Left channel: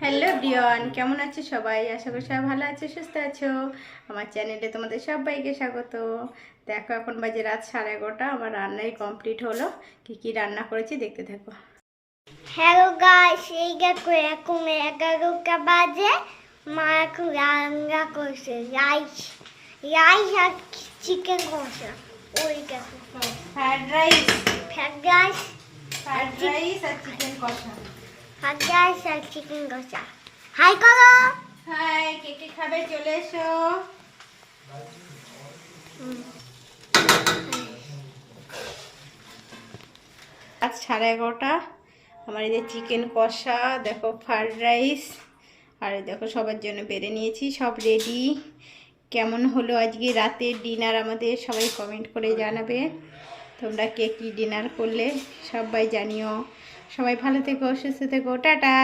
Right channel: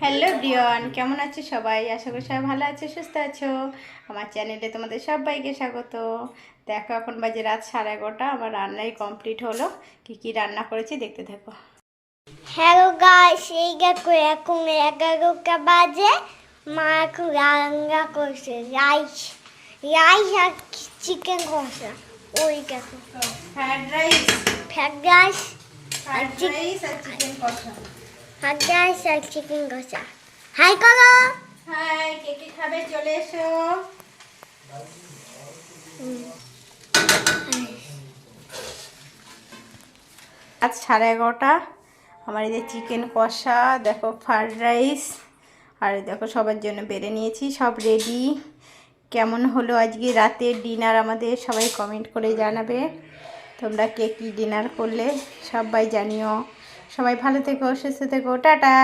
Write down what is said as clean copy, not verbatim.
Hello everyone, কেমন আছো সবাই? আশা করি সবাই ভালো আছো, সুস্থ আছো। আমার চ্যানেলে তোমাদের সবাইকে স্বাগত। দেখো এখন বাজে রাত 11:30, আমার রান্নাই কমপ্লিট হলো। কি কি রান্না করেছি দেখতে থাকো। হ্যালো গাইস, এই দেখো এখন 11টা বাজে। মা এখন রান্না করছে রাইস রাইস আর চিকেন কষা। ওই দেখো fried rice, fried rice fried rice আর চিকেন কষা। ফ্রাইড রাইস আর চিকেন কষা। হাই করো। হাই, কে কে খাবে চলে এসো। আজ 11:30, আমার এই যে চিকেন কষা, দেখো ফ্রাইড রাইস, আর এই দেখো সবার জন্য বেড়ে নিয়েছি, সব রেডি। কেমন হলো আজকে রাতের ডিনার আমাদের, সবাই কমেন্ট করে জানাবে তোমরা কে কী ডিনার করলে, সবাই জানিও। সবাই ভালো থেকো, সুস্থ থেকো, টাটা।